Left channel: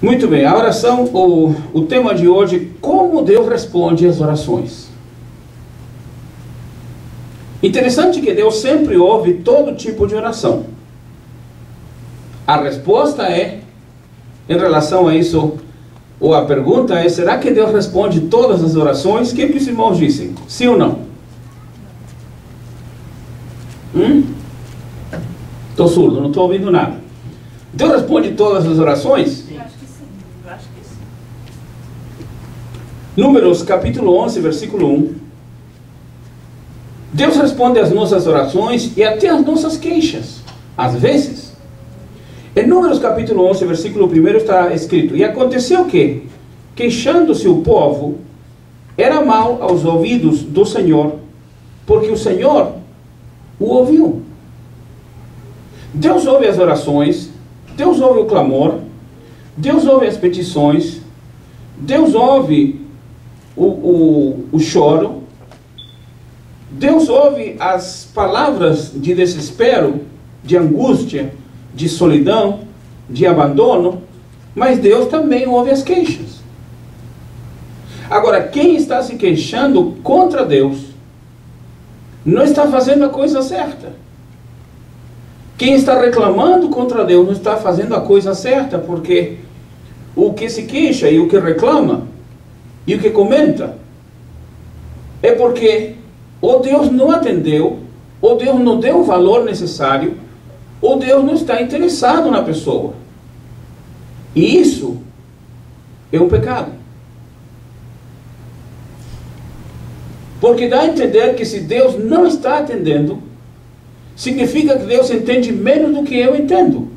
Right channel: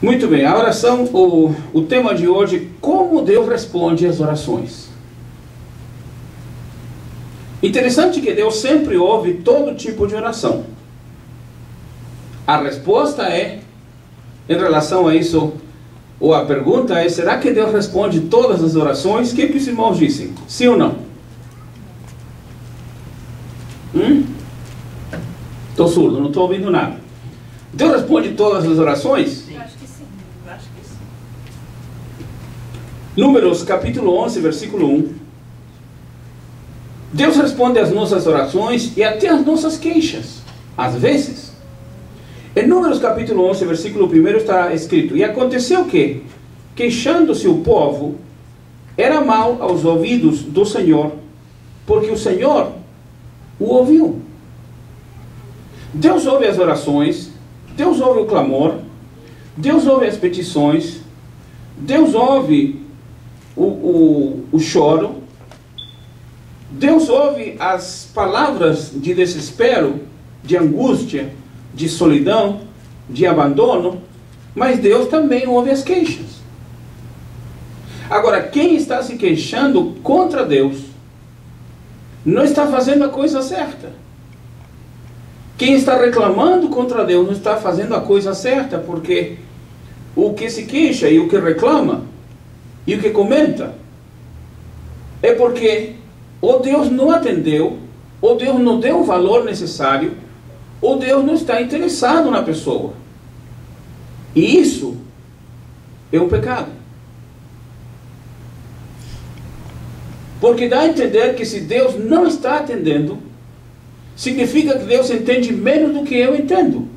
Muito bem, a oração, o tema de hoje, como Deus responde às orações. Interessante que Deus sempre ouve todo tipo de oração. A resposta é, em relação a isso, ou a pergunta é, será que Deus responde todas as orações? O que os irmãos dizem? Sim ou não? Estou surdo, não estou ouvindo nada. Deus responde todas as orações? Eu acho que sim. Eu acho que sim. Números capítulo 11, versículo 1. Deus responde às nossas orações e até às nossas queixas, às vezes. Em Números capítulo 11, versículo 1 está escrito: E aconteceu que, queixando-se o povo, era mal aos ouvidos do Senhor, porque o Senhor o ouviu. Deus ouve as orações, Deus ouve o clamor, Deus ouve as petições, Deus ouve o choro, Deus ouve as palavras de desespero, de angústia, de solidão, de abandono, mas Deus também ouve as queixas. Agora, quem está se queixando contra Deus, não está fazendo a coisa certa. Quem está reclamando contra Deus não está fazendo a coisa certa, porque o que se queixa e o que reclama e o que comenta é porque ou Deus não atendeu, ou Deus não deu o valor necessário, ou Deus não está interessado na pessoa. E isso é um pecado. Porque dá a entender que se Deus não está atendendo, significa que Deus entende menos do que eu entendo.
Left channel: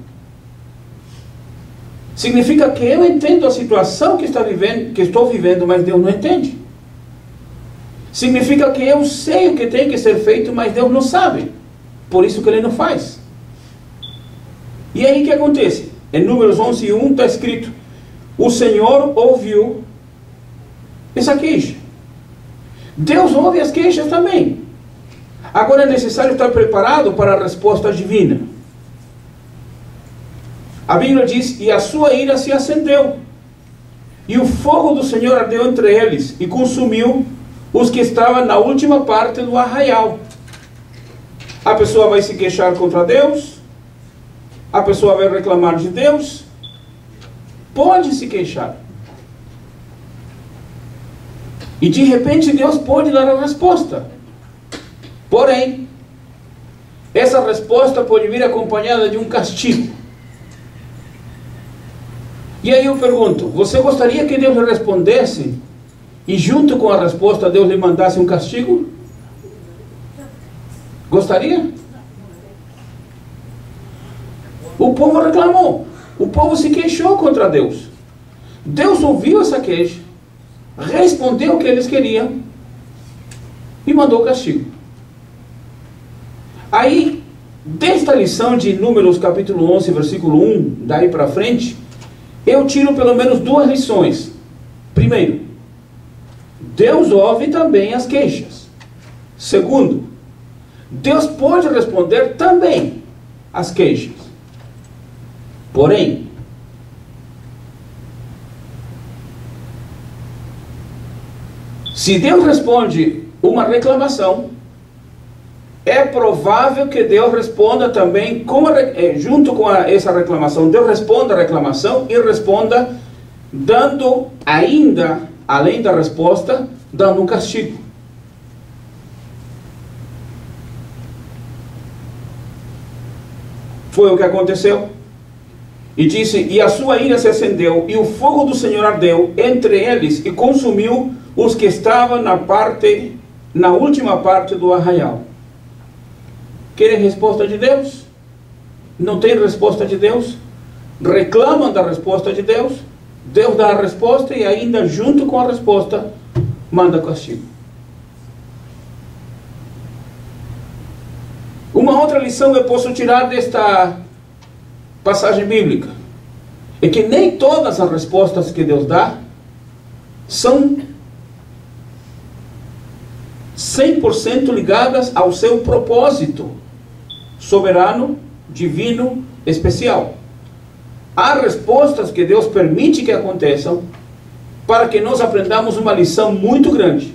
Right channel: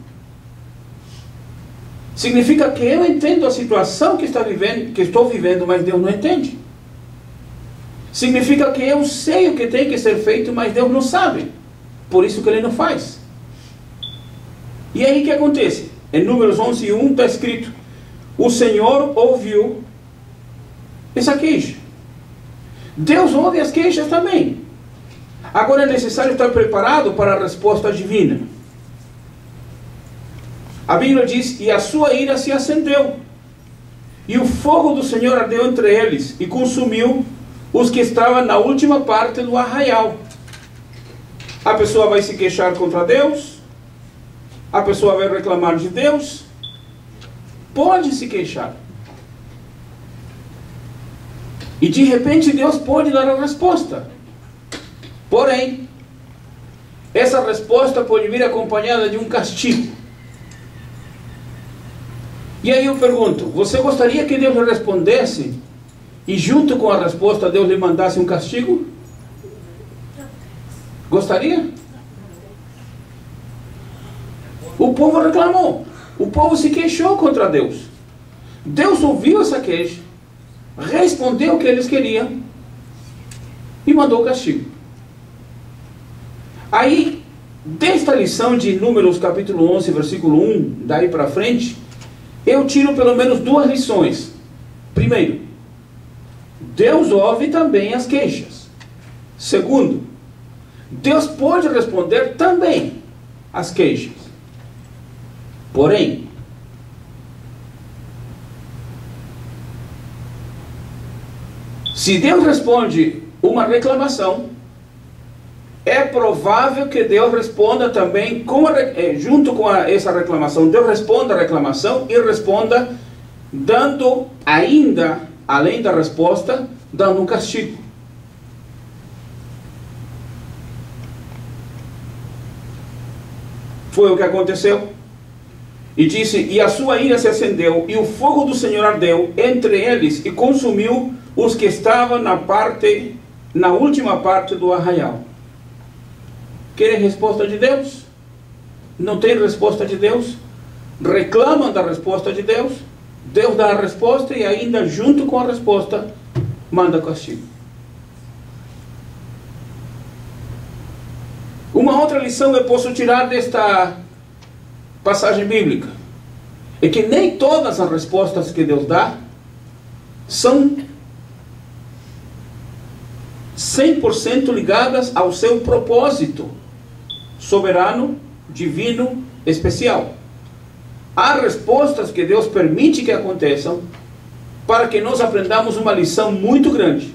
Significa que eu entendo a situação que estou vivendo, mas Deus não entende. Significa que eu sei o que tem que ser feito, mas Deus não sabe. Por isso que Ele não faz. E aí o que acontece? Em Números 11, 1 está escrito: o Senhor ouviu essa queixa. Deus ouve as queixas também. Agora é necessário estar preparado para a resposta divina. A Bíblia diz: e a sua ira se acendeu, e o fogo do Senhor ardeu entre eles, e consumiu os que estavam na última parte do arraial. A pessoa vai se queixar contra Deus, a pessoa vai reclamar de Deus, pode se queixar. E de repente Deus pode dar a resposta. Porém, essa resposta pode vir acompanhada de um castigo. E aí eu pergunto, você gostaria que Deus lhe respondesse e junto com a resposta Deus lhe mandasse um castigo? Gostaria? O povo reclamou, o povo se queixou contra Deus. Deus ouviu essa queixa, respondeu o que eles queriam e mandou o castigo. Aí, desta lição de Números capítulo 11, versículo 1, daí para frente, eu tiro pelo menos duas lições. Primeiro, Deus ouve também as queixas. Segundo, Deus pode responder também às queixas. Porém, se Deus responde uma reclamação, é provável que Deus responda também, junto com essa reclamação, Deus responda a reclamação e responda dando ainda, além da resposta, dando um castigo. Foi o que aconteceu. E disse: e a sua ira se acendeu, e o fogo do Senhor ardeu entre eles, e consumiu os que estavam na última parte do arraial. Querem resposta de Deus? Não tem resposta de Deus? Reclamam da resposta de Deus? Deus dá a resposta e ainda junto com a resposta manda castigo. Uma outra lição eu posso tirar desta passagem bíblica é que nem todas as respostas que Deus dá são 100% ligadas ao seu propósito soberano, divino, especial. há respostas que Deus permite que aconteçam para que nós aprendamos uma lição muito grande.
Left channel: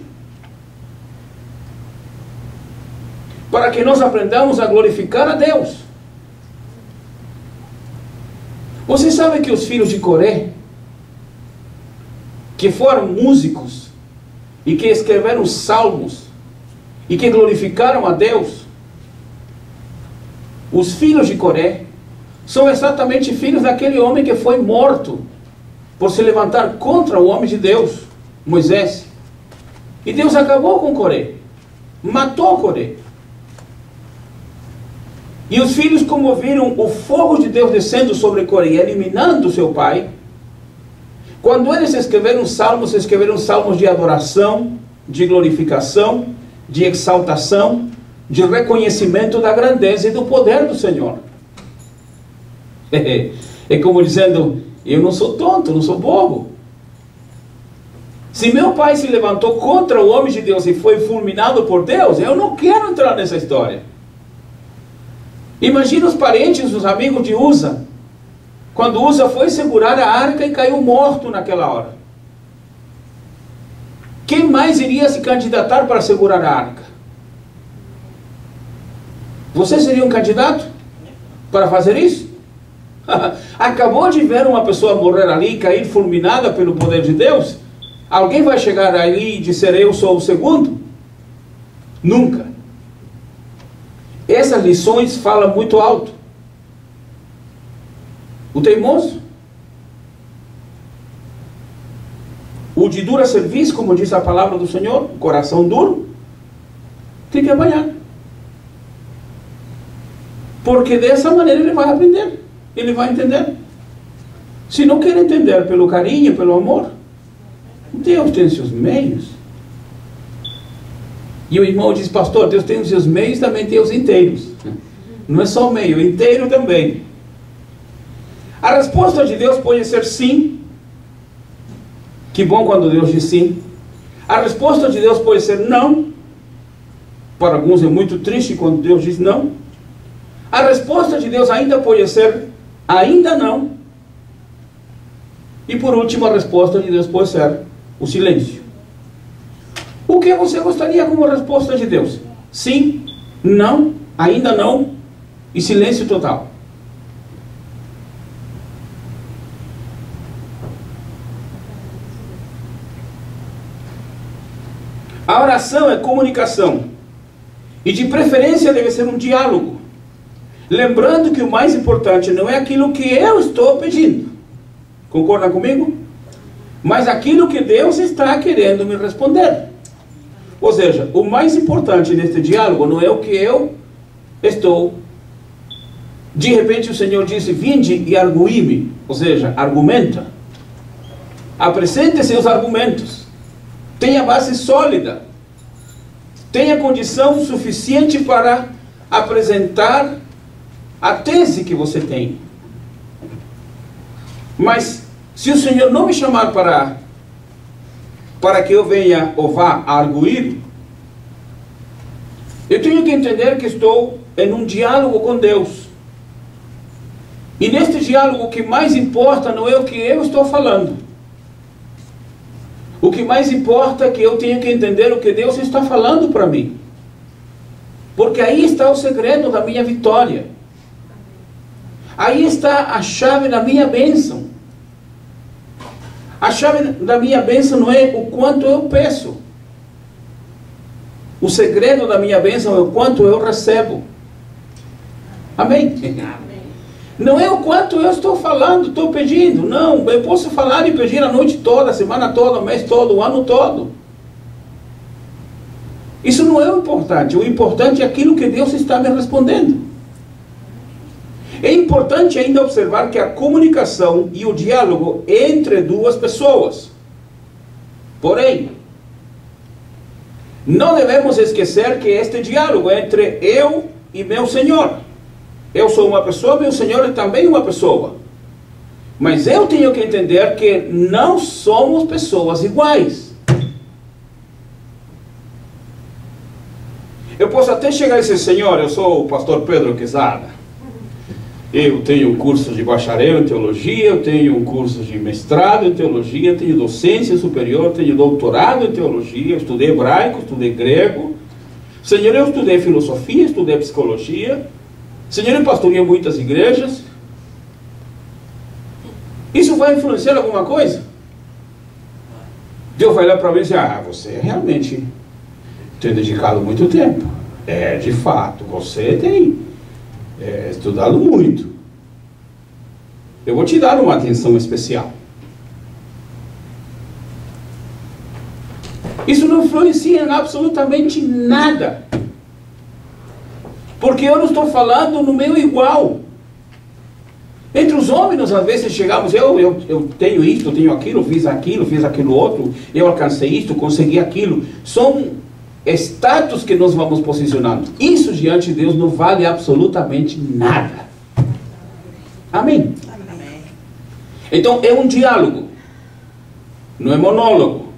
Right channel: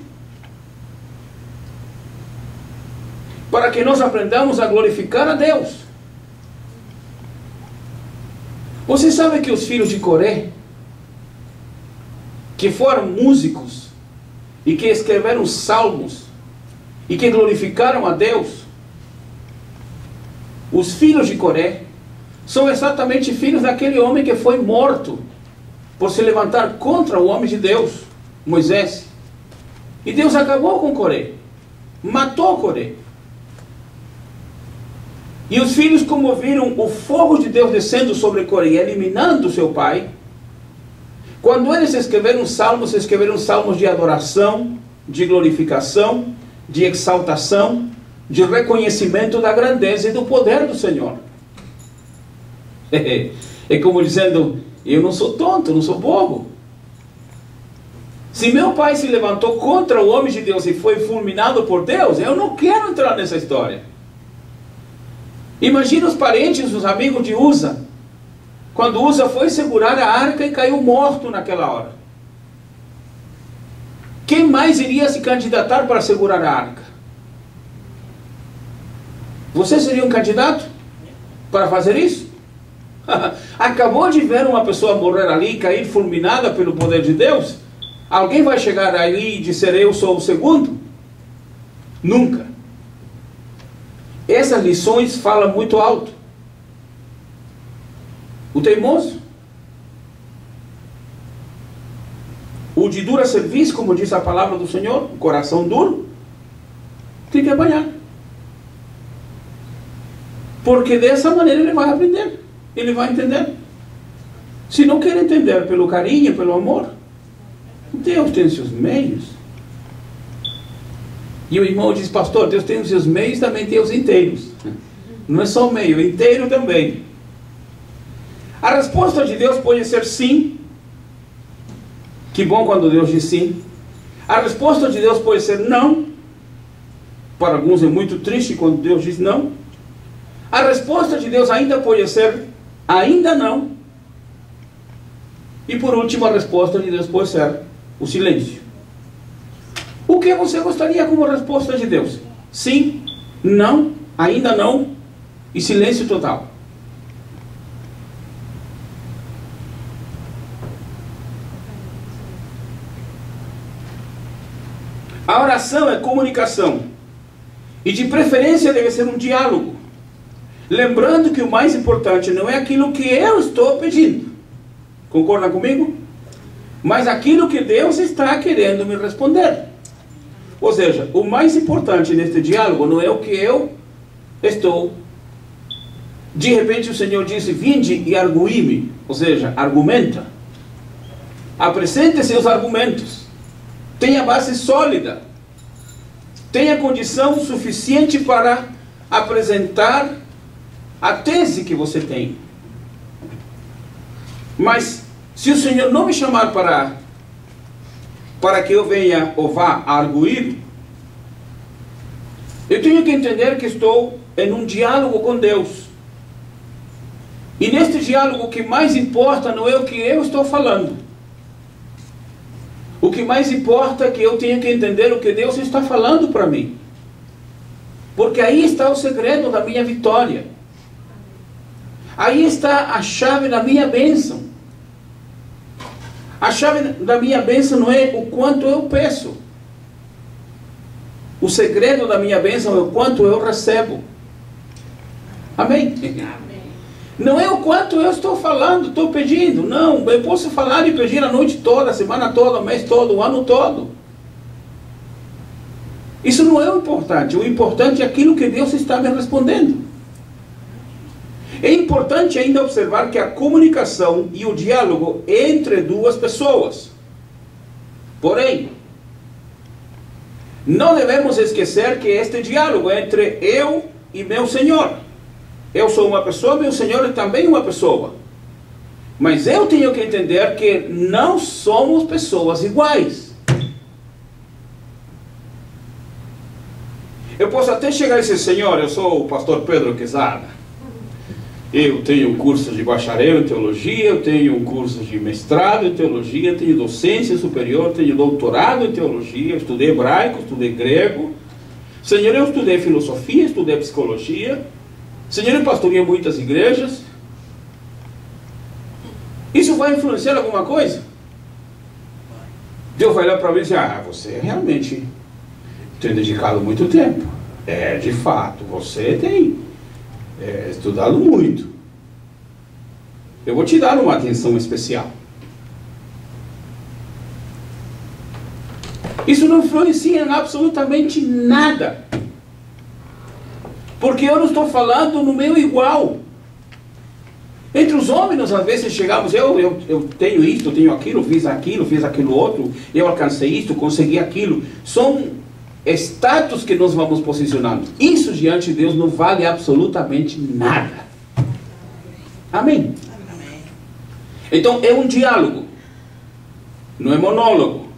Para que nós aprendamos a glorificar a Deus. Você sabe que os filhos de Coré, que foram músicos e que escreveram salmos e que glorificaram a Deus, os filhos de Coré são exatamente filhos daquele homem que foi morto por se levantar contra o homem de Deus, Moisés. E Deus acabou com Coré, matou Coré. E os filhos, como viram o fogo de Deus descendo sobre Coré, eliminando seu pai, quando eles escreveram salmos de adoração, de glorificação, de exaltação, de reconhecimento da grandeza e do poder do Senhor. É como dizendo, eu não sou tonto, não sou bobo. Se meu pai se levantou contra o homem de Deus e foi fulminado por Deus, eu não quero entrar nessa história. Imagina os parentes, os amigos de Uza, quando Uza foi segurar a arca e caiu morto naquela hora. Quem mais iria se candidatar para segurar a arca? Você seria um candidato para fazer isso? Acabou de ver uma pessoa morrer ali e cair fulminada pelo poder de Deus? Alguém vai chegar ali e dizer, eu sou o segundo? Nunca. Essas lições falam muito alto. O teimoso, o de dura serviço, como diz a palavra do Senhor, o coração duro, tem que apanhar. Porque dessa maneira ele vai aprender, ele vai entender. Se não quer entender pelo carinho, pelo amor, Deus tem seus meios. E o irmão diz, pastor, Deus tem os seus meios, também tem os inteiros. Não é só o meio, inteiro também. A resposta de Deus pode ser sim. Que bom quando Deus diz sim. A resposta de Deus pode ser não. Para alguns é muito triste quando Deus diz não. A resposta de Deus ainda pode ser ainda não. E por último, a resposta de Deus pode ser o silêncio. O que você gostaria como resposta de Deus? Sim, não, ainda não e silêncio total. A oração é comunicação. E de preferência deve ser um diálogo. Lembrando que o mais importante não é aquilo que eu estou pedindo. Concorda comigo? Mas aquilo que Deus está querendo me responder. Ou seja, o mais importante neste diálogo não é o que eu estou. De repente o Senhor disse, vinde e arguí-me. Ou seja, argumenta. Apresente seus argumentos. Tenha base sólida. Tenha condição suficiente para apresentar a tese que você tem. Mas se o Senhor não me chamar para que eu venha ou vá arguir, eu tenho que entender que estou em um diálogo com Deus. E neste diálogo o que mais importa não é o que eu estou falando. O que mais importa é que eu tenho que entender o que Deus está falando para mim. Porque aí está o segredo da minha vitória. Aí está a chave da minha bênção. A chave da minha bênção não é o quanto eu peço. O segredo da minha bênção é o quanto eu recebo. Amém? Amém. Não é o quanto eu estou falando, estou pedindo. Não, eu posso falar e pedir a noite toda, a semana toda, o mês todo, o ano todo. Isso não é o importante. O importante é aquilo que Deus está me respondendo. É importante ainda observar que a comunicação e o diálogo entre duas pessoas. Porém, não devemos esquecer que este diálogo é entre eu e meu Senhor. Eu sou uma pessoa, meu Senhor é também uma pessoa. Mas eu tenho que entender que não somos pessoas iguais. Eu posso até chegar e dizer, Senhor, eu sou o pastor Pedro Quezada. Eu tenho um curso de bacharel em teologia, eu tenho um curso de mestrado em teologia, tenho docência superior, tenho doutorado em teologia, estudei hebraico, estudei grego. Senhor, eu estudei filosofia, estudei psicologia. Senhor, eu pastoreei muitas igrejas. Isso vai influenciar alguma coisa? Deus vai olhar para mim e dizer, você realmente tem dedicado muito tempo. De fato, você tem estudado muito. Eu vou te dar uma atenção especial. Isso não influencia em absolutamente nada. Porque eu não estou falando no meu igual. Entre os homens, às vezes chegamos, eu tenho isto, eu tenho aquilo, fiz aquilo outro, eu alcancei isto, consegui aquilo. São status que nós vamos posicionando. Isso diante de Deus não vale absolutamente nada. Amém? Amém. Então é um diálogo. Não é monólogo.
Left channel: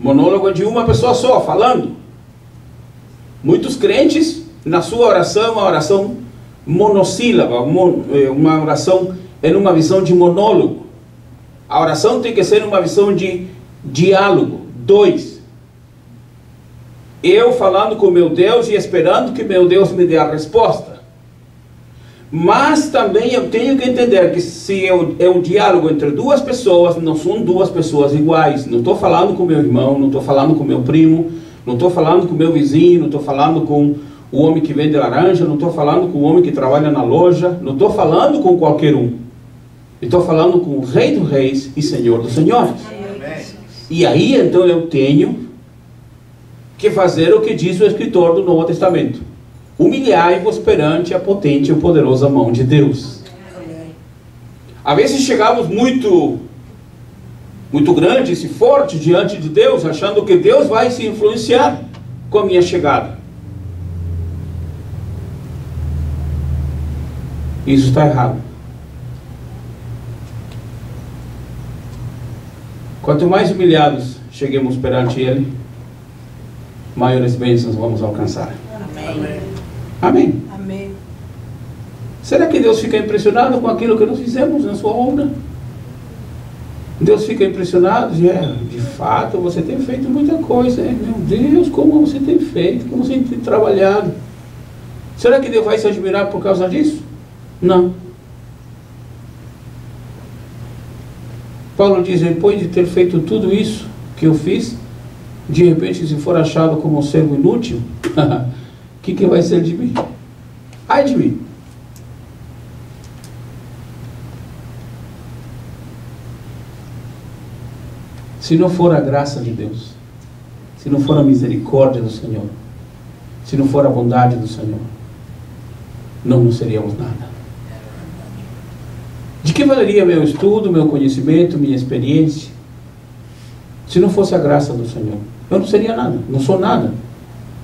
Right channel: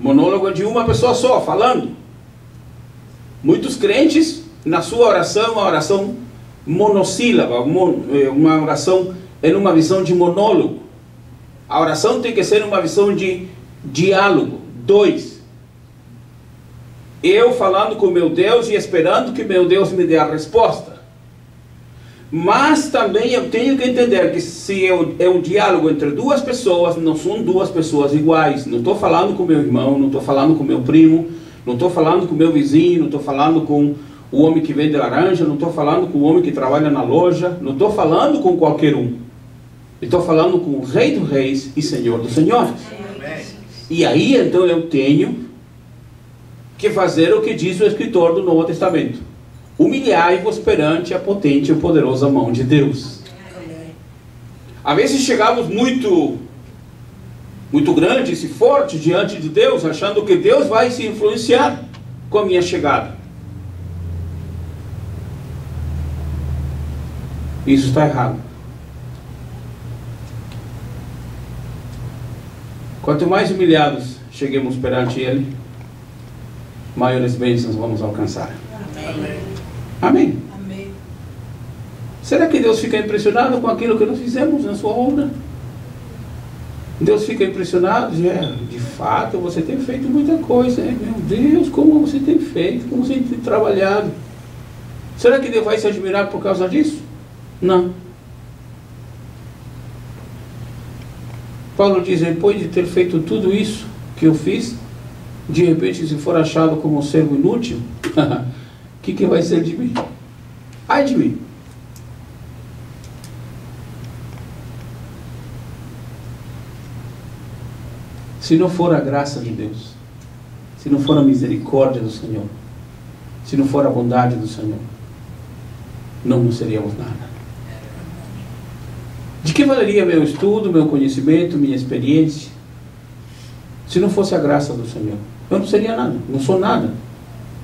Monólogo é de uma pessoa só, falando. Muitos crentes, na sua oração, uma oração monossílaba, uma oração em uma visão de monólogo. A oração tem que ser uma visão de diálogo. 2. Eu falando com meu Deus e esperando que meu Deus me dê a resposta. Mas também eu tenho que entender que se é um diálogo entre duas pessoas, não são duas pessoas iguais. Não estou falando com meu irmão, não estou falando com meu primo, não estou falando com meu vizinho, não estou falando com o homem que vende laranja, não estou falando com o homem que trabalha na loja, não estou falando com qualquer um. Estou falando com o Rei dos Reis e Senhor dos Senhores. E aí então eu tenho que fazer o que diz o escritor do Novo Testamento. Humilhai-vos perante a potente e poderosa mão de Deus. Às vezes chegamos muito grandes e fortes diante de Deus, achando que Deus vai se influenciar com a minha chegada. Isso está errado. Quanto mais humilhados cheguemos perante Ele, maiores bênçãos vamos alcançar. Amém. Amém. Amém. Será que Deus fica impressionado com aquilo que nós fizemos na sua obra? Deus fica impressionado? De fato, você tem feito muita coisa. Meu Deus, como você tem feito, como você tem trabalhado. Será que Deus vai se admirar por causa disso? Não. Paulo diz, depois de ter feito tudo isso que eu fiz, de repente, se for achado como um servo inútil, o que vai ser de mim? Ai de mim. Se não for a graça de Deus, se não for a misericórdia do Senhor, se não for a bondade do Senhor, não seríamos nada. De que valeria meu estudo, meu conhecimento, minha experiência, se não fosse a graça do Senhor? Eu não seria nada, não sou nada,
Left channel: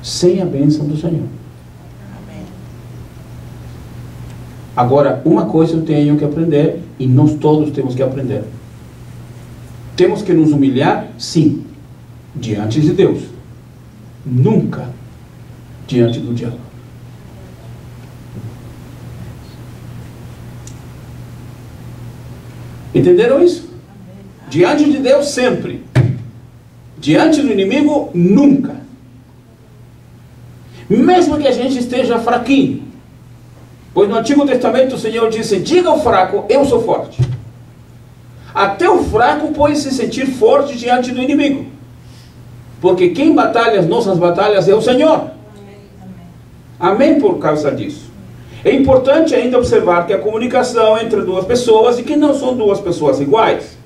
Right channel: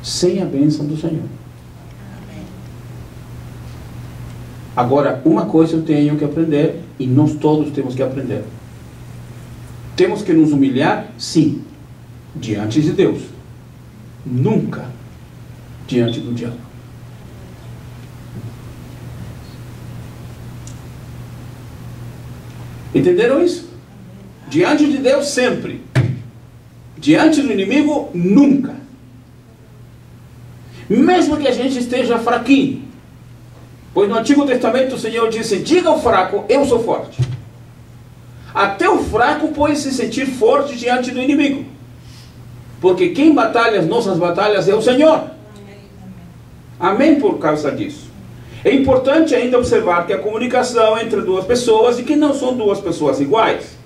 sem a bênção do Senhor. Amém. Agora, uma coisa eu tenho que aprender, e nós todos temos que aprender. Temos que nos humilhar, sim, diante de Deus. Nunca diante do diabo. Entenderam isso? Diante de Deus sempre. Diante do inimigo, nunca. Mesmo que a gente esteja fraquinho. Pois no Antigo Testamento o Senhor disse, diga ao fraco, eu sou forte. Até o fraco pode se sentir forte diante do inimigo. Porque quem batalha as nossas batalhas é o Senhor. Amém por causa disso. É importante ainda observar que a comunicação entre duas pessoas e que não são duas pessoas iguais.